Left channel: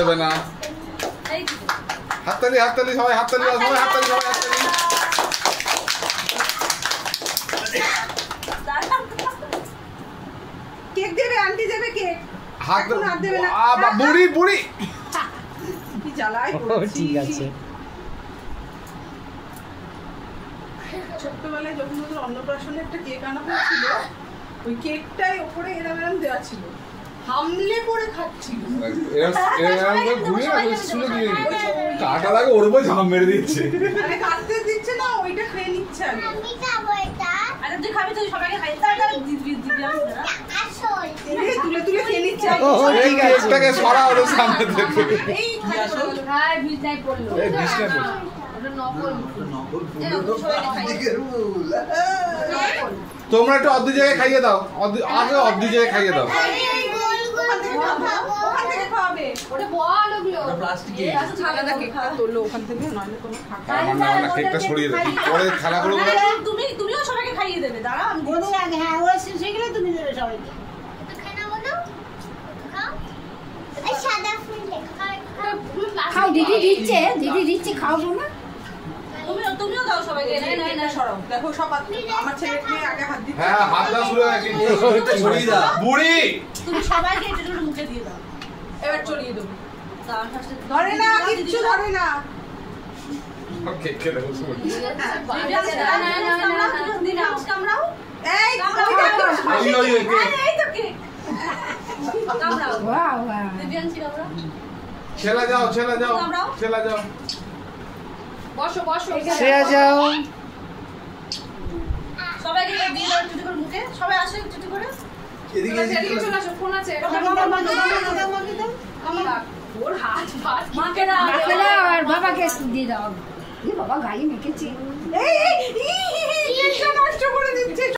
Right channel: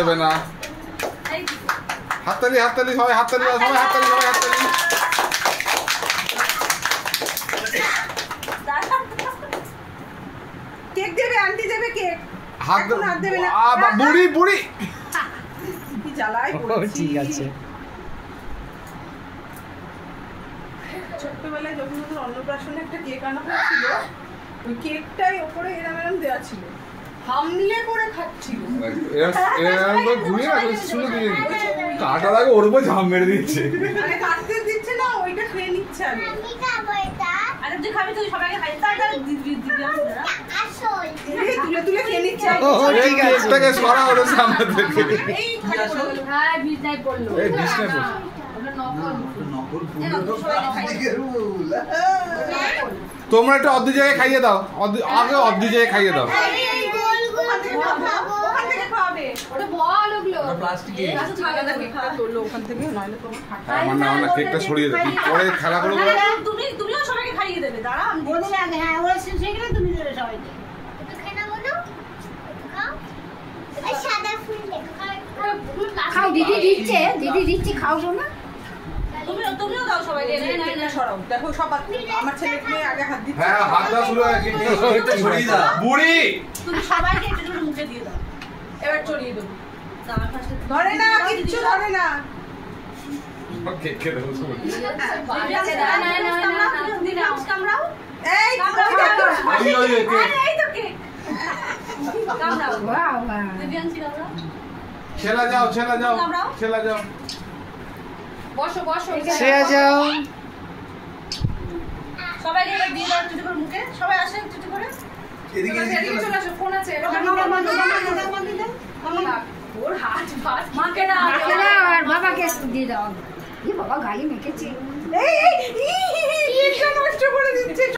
দেবে না। হাততালি হাততালি সবাই হাততালি দাও, সবাই হাততালি, সবাই হাততালি। কেক দেবে, আন্টি দেবে কেক। হাত দেবে না। বুড়ি বুড়ি কি জ্বালায়। ঠিক আছে। ছোটবেলায় যখন ওদের অন্নপ্রাশনে একটা কেক আনা হয়েছিল, ওই কেকটাই ওপরে এরম এরম দেওয়া ছিল, হামলে করে খাচ্ছিল। কাটা লাগে ওর উপর ঝাম মেরে দিচ্ছে, কাটতে দিচ্ছে না, ওইটা খেয়ে নিচ্ছে। আরে তুই খাবি, তুই সবাইকে খাই। তুলে তুলে খেয়ে নিচ্ছে। কেকটাকে সরা ওর সামনে থেকে। হ্যাঁ, বিজয় পড়লো। এই বিষ্ণে পড়লো। তোমরা একটু অর্ধ জায়গায় খাইয়ে দাও, আগে অর্ধ জায়গায় খাইয়ে দাও। কেকটা সরিয়ে দেবে, পরে খেলা করে তুমিও সবাইকে খাইয়ে দেবে। দাঁড়া, আমি হ্যাঁ, ওরা সেগুলো তুমি দেবে সবাইকে। খাও, দিদি দিচ্ছে, দিদি দিচ্ছে, খাও না। তুমিও দাও সবাইকে। দেখো সব আমার ছেলেকে আগে হাত দিচ্ছে। হ্যাঁ, হাত দাও শুরু হয়ে গেছে। বুড়ি তুমি সবাইকে একটু একটু মুখে দিয়ে দাও। এবার চড়িয়ে দেবো। ধরে না, কিচ্ছু ধরে না। কেক খেতে বসে কামড়াও। এই এই তো কেক। কামড়াও। দিব্যাংশী কামড়াও। ছেলা যাও, ছেলা যাও, ছেলা যাও। বসো বসো। শ্রেয়া যাও। সবাইকে দিয়ে দাও একটু করে মুখে। সবাই আসে একটু করে। এদিকে চলে আসো, ফোন আছে। ওর হাত ফাট। মাকে দাও আর বাবাকে দিয়ে দাও। এই বাবা গায়ে মেখেছে। এই নষ্ট করে দিচ্ছে।